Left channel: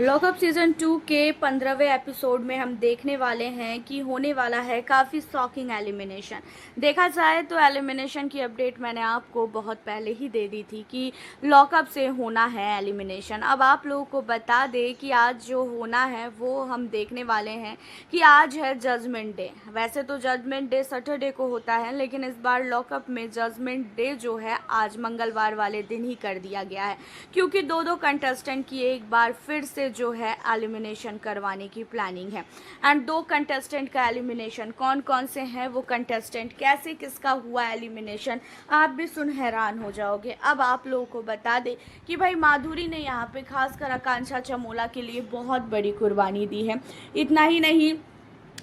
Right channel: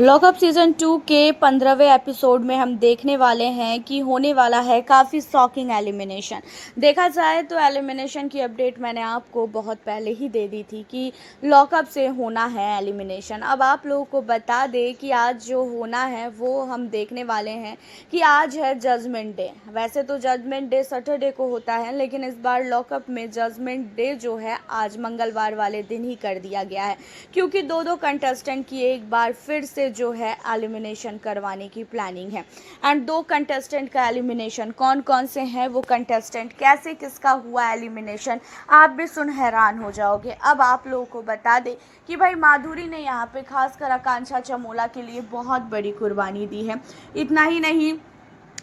Lockup season 2 के 15वें episode में हम देखने वाले हैं कि होने वाला है काफ़ी शॉकिंग एलिमिनेशन। देखा जाए तो एलिमिनेशन की अपडेट मैंने आपको बहुत पहले ही दे दी थी कि लॉकअप से होना है एलिमिनेशन। अब आप लोगों को बता दें कि आज जो होना है वो हम देखने वाले हैं कि आज है जजमेंट डे। वैसे तो जजमेंट डे सैटरडे को होता है, लेकिन इस बार लॉकअप में जजमेंट डे जो है आज मंगलवार वाले दिन ही कर दिया गया है, क्योंकि दो कंटेस्टेंट की एक बार फिर से जो है एलिमिनेशन करवाने की प्लानिंग है। एंड दो कंटेस्टेंट का एलिमिनेशन कौन कौन से हैं, वो कंटेस्टेंट कैसे किसका हुआ एलिमिनेशन, आप भी सुन हैरान हो जाओगे। अब आप लोगों को बता दें कि भाई माधुरी ने यहाँ पे खासकर आकांक्षा चमोला के लिए बहुत बड़ी कुर्बानी दी है। इतना ही नहीं,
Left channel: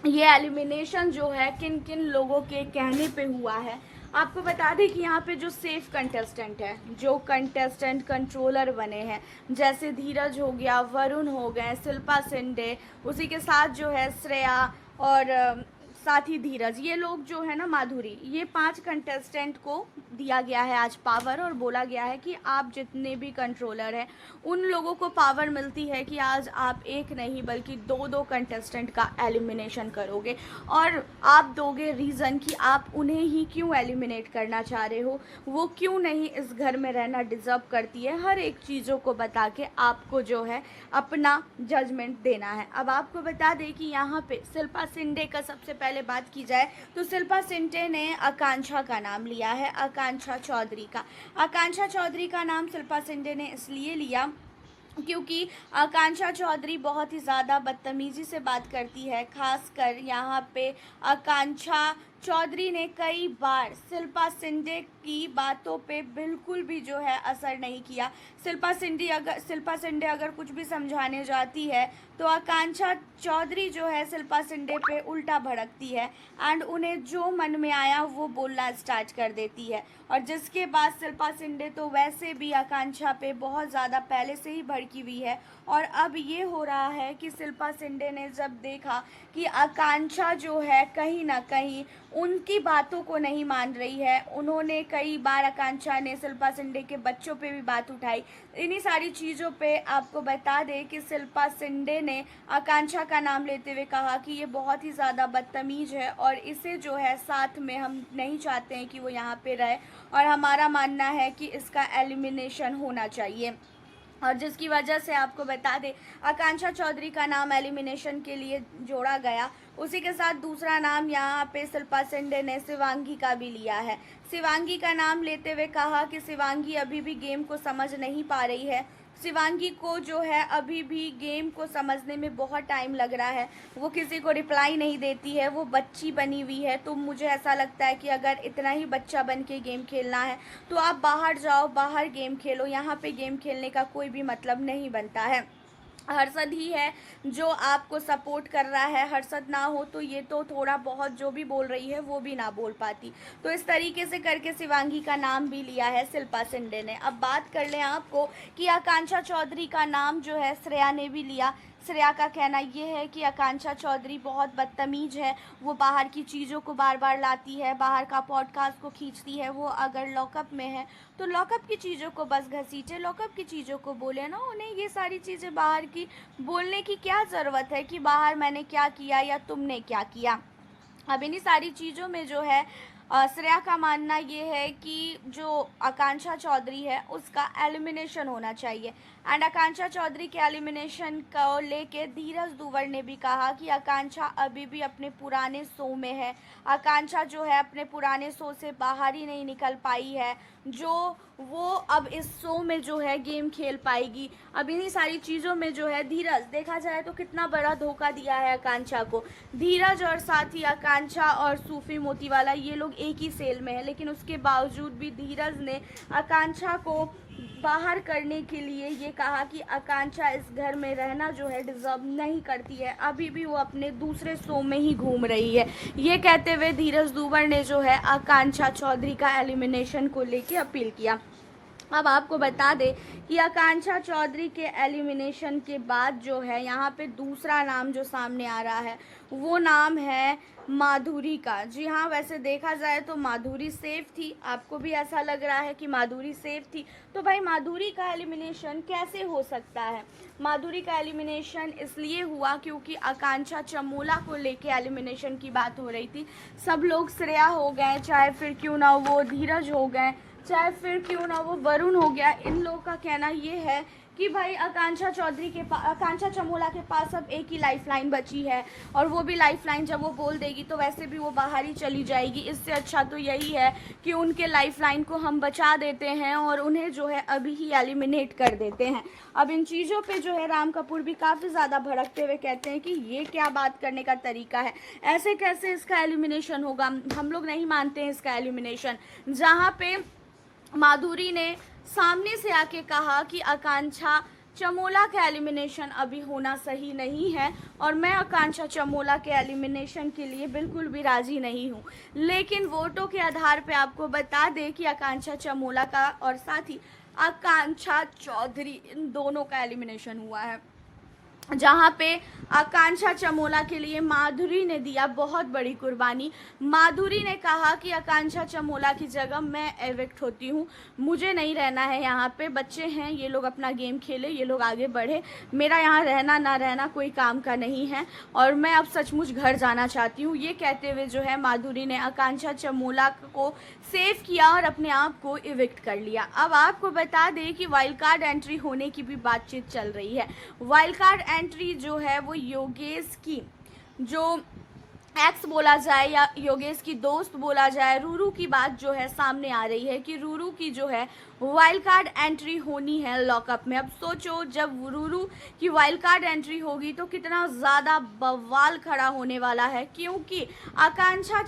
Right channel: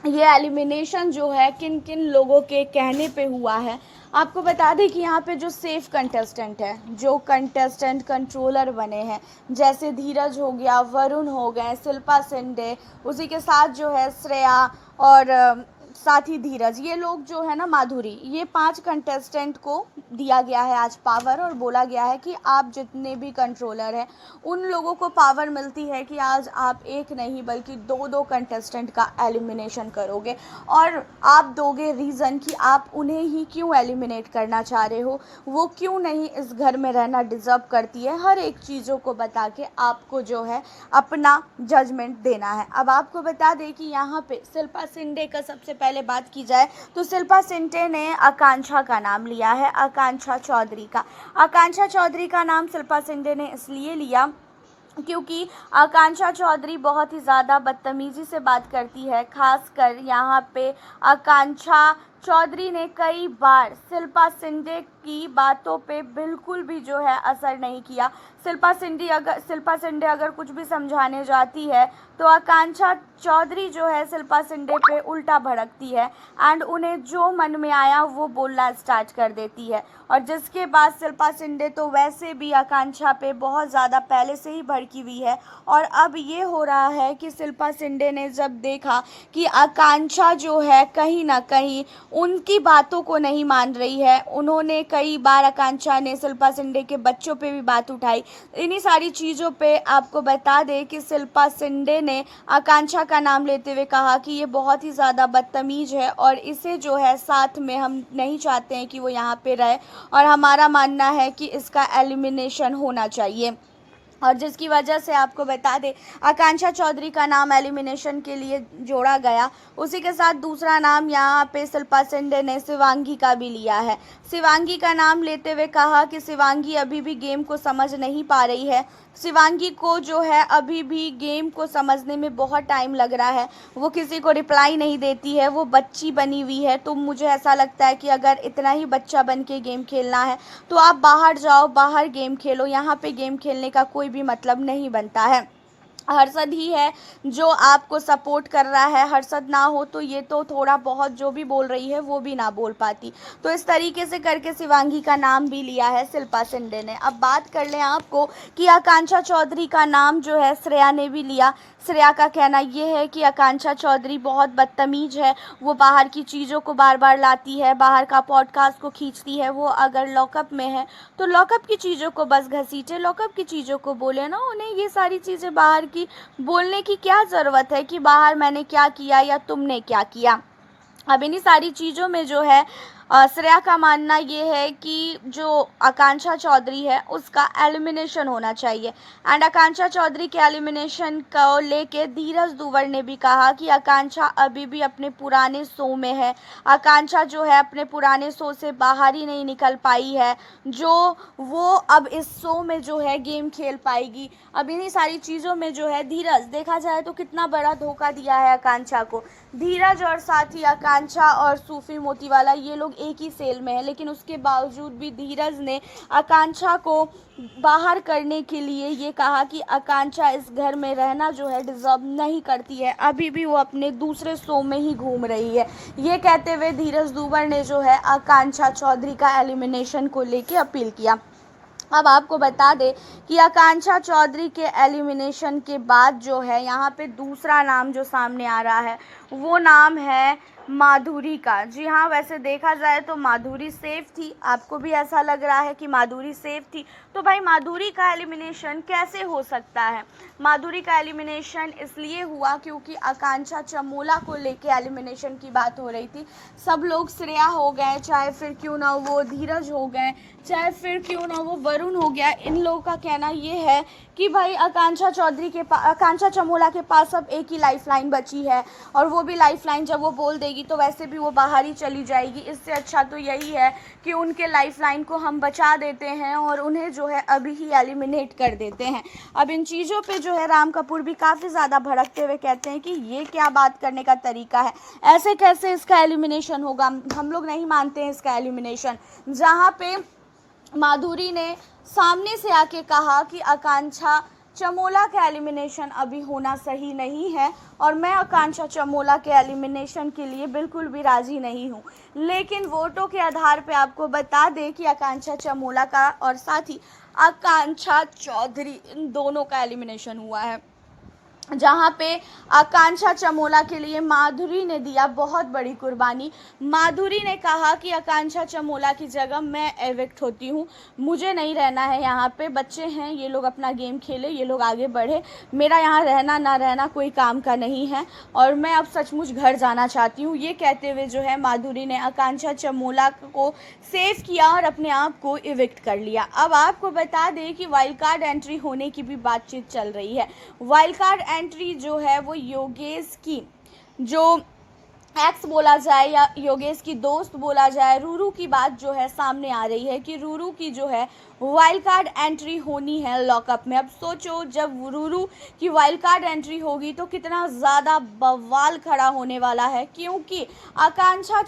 ये एलिमिनेशन जो है किन किन लोगों के कहने पे हुआ है आपको बता दें कि यहाँ पे जो सेफ कंटेस्टेंट है, जो कंटेस्टेंट कंट्रोलर बने हैं, जैसे धीरज हो गया, वरुण हो गए, शिल्पा शिंदे, उसी के साथ जो है श्रेया और साथ ही धीरज, ये लोग जो है ना माधुरी, ये 5 कंटेस्टेंट को दिया गया है आज पावर और बोला गया है कि आप जितने भी कंट्रोलर हैं उन लोगों को पावर मिलती है कि आज आप एक नहीं बल्कि दो कंटेस्टेंट का एलिमिनेशन करोगे और आप दोगे रीज़न कि आप उन्हें ही क्यों एलिमिनेट करना चाह रहे हो, वो क्यों नहीं इस घर में रहना डिज़र्व करती है। हर एक चीज़ों को बता के आपको जो है अपना जजमेंट देना है। अब आपको बता दें कि यहाँ पे शिल्पा शिंदे का सबसे पहले बात की जाए तो शिल्पा शिंदे ने आकांक्षा का नाम लिया है, आकांक्षा चौधरी का। आकांक्षा चौधरी का नाम शिल्पा शिंदे ने इसलिए लिया क्योंकि आकांक्षा चौधरी बहुत ही ज़्यादा बदतमीज़ी से बात करती है। खासकर यहाँ पे आकांक्षा चौधरी ने कई बार शिल्पा शिंदे की बातों पे बिल्कुल भी जो है असर नहीं किया। शिल्पा शिंदे अगर कुछ भी समझाने जाती है तो आकांक्षा चौधरी जो है शिल्पा शिंदे पे उल्टा भड़कती है एंड उन्हें जो मन में आया वो बोलना स्टार्ट कर देती है। और जिसके बाद शिल्पा शिंदे तो वैसे भी आकांक्षा पे बहुत ज़्यादा पहले से ही भड़की हुई है और अब ये हो रहा है कि शिल्पा शिंदे ने जब देखा कि आकांक्षा जो है कहीं ना कहीं उनकी बातों को नहीं मान रही है, उन्होंने कई बार आकांक्षा ने शिल्पा शिंदे के बच्चों पे भी बात उठाई। इन्हीं सारी चीज़ों पे आपको बता दें कि शिल्पा शिंदे ने आकांक्षा का नाम लेते हुए कहा कि ये बहुत ही ज़्यादा बदतमीज़ है और इसे जो है साथ में हम नहीं चाहते हैं कि वो यहाँ पे रहे और हमारा मानना है कि इसका एलिमिनेशन होना चाहिए। और जिसकी वजह से आपको बता दें आकांक्षा चौधरी का नाम एलिमिनेशन के लिए जोड़ा गया। उसी के साथ दूसरा नाम यहाँ पे शिल्पा शिंदे ने शिवांगी का भी लिया है। शिवांगी का नाम लेते हुए कहा कि शिवांगी अभी भी गेम को समझ नहीं पा रही है, शिवांगी को जो है अभी भी गेम को समझने में बहुत टाइम लग रहा है, वो किसी को रिप्लाई नहीं देती है, वो बच्ची बनी हुई है। तो मुझे ऐसा लगता है कि अगर इतना ही बच्चा बन के गेम खेलना है तो आप बाहर जाओ, बाहर गेम खेलो, यहाँ पे गेम खेलने का कोई भी मतलब नहीं बनता है। हर्षद ही है जो आपको सपोर्ट कर रहा है, हर्षद ना हो तो ये तो थोड़ा बहुत जो भी बोल रही है वो भी ना बोल पाती। तो इस तरीके से करके शिवांगी का नाम भी लिया है शिल्पा शिंदे ने। अब बात कर लें आपको कि आकांक्षा चौधरी का नाम जो है श्रेया ने भी लिया। श्रेया का कहना ये है कि आकांक्षा चौधरी बहुत बदतमीज़ है, वो बाहर की चीज़ों को बार बार लाती है, बाहर का पॉडकास्ट को खींचती है। वो अगर लॉकअप में है तो लॉकअप की चीज़ों को बस घसीटे, लॉकअप की चीज़ों को बोले ना, उन्हें ये सारी चीज़ें बाहर की बोलने की क्या ज़रूरत है कि बाहर मैंने क्या किया या तुमने क्या किया। अब इन्हीं सारी चीज़ों में जो है श्रेया का मानना ये है कि जो आकांक्षा चौधरी है उसका एलिमिनेशन होना चाहिए। एंड आकांक्षा चौधरी के एलिमिनेशन को लेके धीरज दुवर ने भी कहा कि आकांक्षा अभी भी अपने पुराने शो में है, आकांक्षा जो है अपने पुराने शो से बाहर ही नहीं निकल पाई है, जो वो अब इस शो में जो है गेम खेल पाएगी। अब इन्हीं सारी चीज़ों में जो है धीरज, देखा जाए तो कितना बड़ा धोखा दिया है आकांक्षा को। धीरज और साथ ही आकांक्षा और सूफी मोतीवाला ये लोग एक ही सेल में है, लेकिन उसके बावजूद भी धीरज ने आकांक्षा को बाहर करने के लिए ये कहा कि आकांक्षा इस घर में रहना जो है डिज़र्व नहीं करती है, अभी भी वो अपने दूसरे शो में ही घूम रही है। ये कहते हुए धीरज दुवर ने जो है आकांक्षा चौधरी का एलिमिनेशन को लेके अपील किया। अब आपको बता दें कि आकांक्षा चौधरी के एलिमिनेशन के बाद जो है यहाँ पे दूसरा नाम जो सामने आ रहा है वो नाम है माधुरी का। जी हाँ, वैसे देखा जाए तो माधुरी सेफ थी। आपको भी ऐसा लग रहा है कि माधुरी सेफ थी, तो भाई माधुरी का एलिमिनेशन कैसे हो सकता है? माधुरी का एलिमिनेशन इसलिए हुआ क्योंकि आकांक्षा चमोला को लेके एलिमिनेशन की बात हो रही थी। सब लोग श्रेया हो गए, चाहे फिर क्यों ना वो धीरज हो गए, चाहे फिर क्यों ना वो वरुण हो गया। इन लोगों का कहना ये है कि भाई आकांक्षा चमोला के पास अब एक ही लाइफलाइन बची है, और वो भी लाइफलाइन जब वो बोल देगी तो वैसे भी वो बाहर ही चली जाएगी। इससे अच्छा तो यही है कि उनके लाइफलाइन को हम बचा देते हैं और उन्हें जो है अभी ही एलिमिनेट कर देते हैं। अब इन चीज़ों पे जो है राम कपूर भी काफ़ी ज़्यादा भड़कते हुए कहते हैं कि ये क्या बात करने का तरीका है, ऐसे कैसे इसका एलिमिनेशन होगा, हम लोग नहीं मानते हैं इसका एलिमिनेशन। जहाँ पे माधुरी ने सामने से आके कहा कि आकांक्षा चमोला का एलिमिनेशन अभी होना सही नहीं है और मैं आकांक्षा चमोला के एलिमिनेशन के लिए बिल्कुल भी राज़ी नहीं हूँ। लेकिन वोटों के आधार पे आपको बता दें कि आकांक्षा चमोला का और साथ ही आकांक्षा चौधरी इन दोनों का एलिमिनेशन हुआ है, जहाँ पे आकांक्षा चमोला के लिए माधुरी ने दिया बहुत बड़ी कुर्बानी। माधुरी ने कहा कि आकांक्षा चमोला की जगह मैं एविक्ट होती हूँ, मुझे नहीं रहना है यहाँ पे, बच्चे हैं ये लोग अपना गेम खेले, ये लोग आगे बढ़े, मेरा यहाँ रहना ना रहना कोई काम का नहीं है और मैं अब सचमुच घर जाना चाहती हूँ। ये कहते हुए जो है माधुरी ने आकांक्षा चमोला को सेव किया और अपने आप को इविक्ट कर लिया। अब आपको बता दें कि वाइल्ड कार्ड एंट्री होने की भी बातचीत चल रही है। वाइल्ड कार्ड एंट्री जो है वो योगेश की जो एक्स बोला जाए या योगेश की दोस्त बोला जाए, रूरू की बात जो है सामने आ रही है कि रूरू की जो है वाइल्ड कार्ड एंट्री होनी है लॉकअप में। अब सोचो जब रूरू की वाइल्ड कार्ड एंट्री होगी तो कितना ज़्यादा बवाल खड़ा होने वाला है, क्योंकि आकांक्षा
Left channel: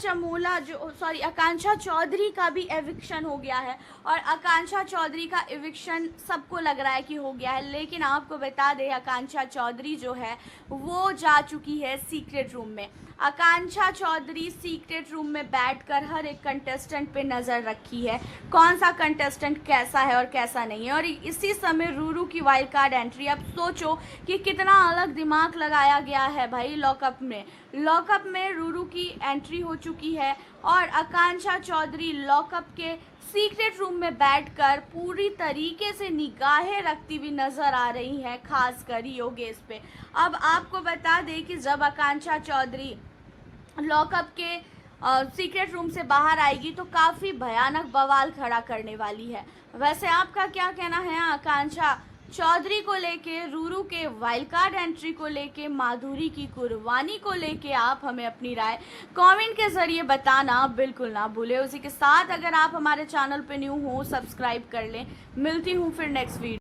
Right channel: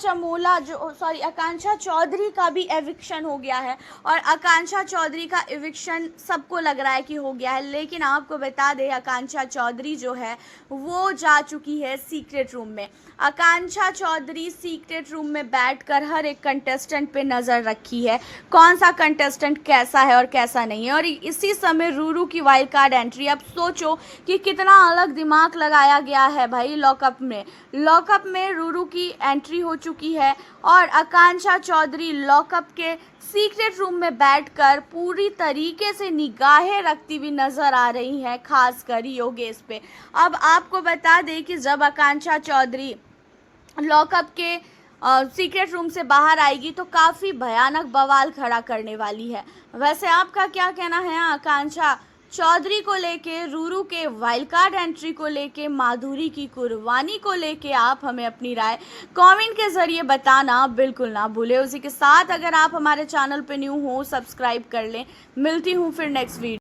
चौधरी का भी एविक्शन हो गया है और आकांक्षा चौधरी का एविक्शन सबको लग रहा है कि हो गया है। लेकिन आपको बता दें आकांक्षा चौधरी जो है वो जा चुकी है सीक्रेट रूम में। आकांक्षा चौधरी सीक्रेट रूम में बैठकर हर एक कंटेस्टेंट पे नज़र रखी है, कौन सा कंटेस्टेंट कैसा है और कैसा नहीं है। और इसी समय रूरू की वाइल्ड कार्ड एंट्री, अब सोचो कि कितना अलग दिमाग लगाया गया है भाई। लॉकअप में रूरू की एंट्री हो चुकी है और आकांक्षा चौधरी लॉकअप के सीक्रेट रूम में बैठकर पूरी तरीके से निगाहें रखती हुई नज़र आ रही है, खासकर योगेश पे। अब आपको बता दें कि जब आकांक्षा चौधरी लॉकअप के सीक्रेट रूम से बाहर आएगी तो काफ़ी भयानक बवाल खड़ा करने वाली है। वैसे आपका क्या कहना है आकांक्षा चौधरी को लेके, रूरू के वाइल्ड कार्ड एंट्री को लेके, माधुरी की कुर्बानी को लेके? आप हमें अपनी राय कमेंट के ज़रिए बताना बिल्कुल ना भूलें। उसी के साथ अगर आप हमारे चैनल पे न्यू हो सब्सक्राइब कर लें। मिलती हूँ फिर नेक्स्ट वीडियो।